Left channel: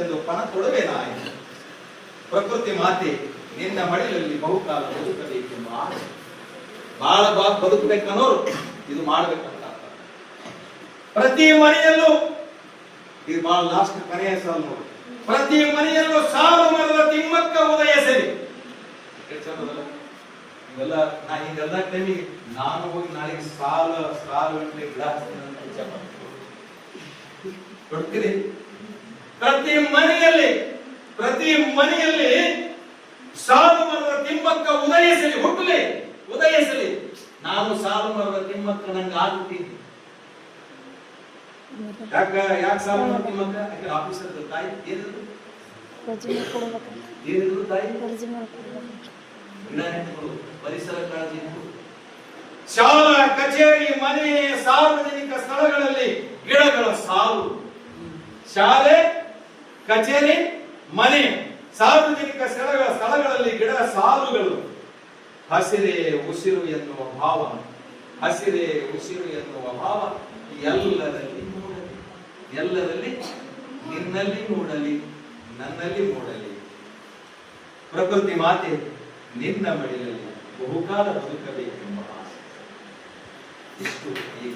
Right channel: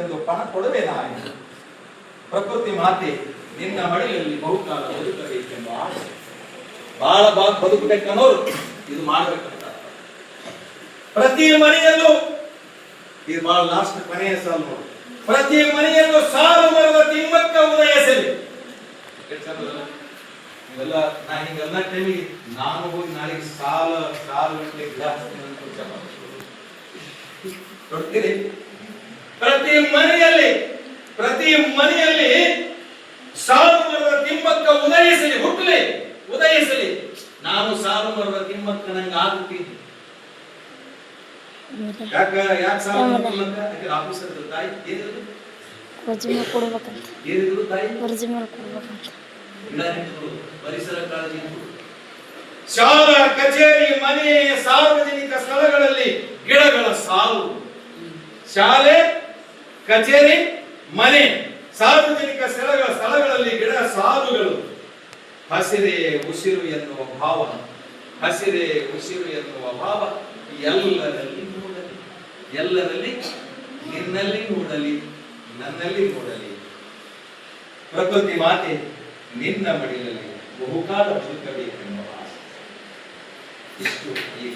ಎಂದು ಪಣ ಕೊಡುವೇನಾಯಿತು. ಪ್ರಕೃತಿ ಮಾತೆ ನಿನ್ನ ಮಡಿಲಲ್ಲಿ ಬಹುಕಾಲ ಬದುಕಬೇಕೆಂಬ ಆಸೆ. ಬಹಳ ಬದುಕಬೇಕನ್ನೋರು ಇದು ಮಾಡಬೇಕಂತ. ಪ್ರತಿ ಮನೆಯಲ್ಲೂ ಇದು ಬಹಳ ಲಾಸ್ಟ್ ಕೊನೆಯ ಸಾಲು ನೋಡಿ. ಪ್ರತಿ ಮನೆಯಲ್ಲೂ ಸಾಲು ಮರದ ತಿಮ್ಮಕ್ಕ ಉದಯಿಸಲಿ. ಇವೆಲ್ಲ ನಾ ಹಿಂಗಲ್ಲ ಟೈಮಿಗೆ ನಾನು ಹೋಗಿ ನಾಳೆಗೆ ಸಾಲು ಗಿಡ ನೋಡ್ತೀರಿ. ಪ್ರತಿ ಮನೆಯಲ್ಲಿ ಸಾಲು ಮರದ ತಿಮ್ಮಕ್ಕ ಉದಯಿಸಲಿ, ಹುಟ್ಟಲಿ, ಉದಯಿಸಲಿ. ನಾನು ಸಾಲು ಮರದ ತಿಮ್ಮಕ್ಕ ನಂಗೆ ಆಗುತ್ತೀನಿ. ಯಾಕೆ ಸಾಲು ಮರದ ತಿಮ್ಮಕ್ಕ? ಯಾಕೆ ಆಫೀಸರ್ ತಾಯಿ ಏನಿದ್ರು ತಾಯಿ ಪರಿಸರ ಕಾಳಜಿ. ಶಾಲಾ ಕಚೇರಿ ಮನೆ ಸಾರ್ವಜನಿಕ ಸ್ಥಳಗಳಲ್ಲಿ ಗಿಡಗಳ ಸಾಲು. ಶಾಲೆ ಕಚೇರಿ ಮನೆ ಸಾರ್ವಜನಿಕ ಸ್ಥಳಗಳಲ್ಲಿ ಗಿಡ ಸಾಲುಗಳು. ಹಸಿರೇ ಉಸಿರು ಎನ್ನುವ ಭಾವ, ಹಸಿರೇ ಉಸಿರು ಎನ್ನುವ ಭಾವ ಎಲ್ಲರಲ್ಲಿ ನೋಡಲಿ, ಎಲ್ಲರಲ್ಲಿ ನಿನ್ನಲ್ಲಿ ನೋಡಲಿ, ನನ್ನಲ್ಲಿ ನೋಡಲಿ. ಪ್ರಕೃತಿ ಮಾತೆ ನಿನ್ನ ಮಡಿಲಲ್ಲಿ ಬಹುಕಾಲ ಬದುಕಬೇಕೆಂಬ ಆಸೆ. ಇಷ್ಟು ಈ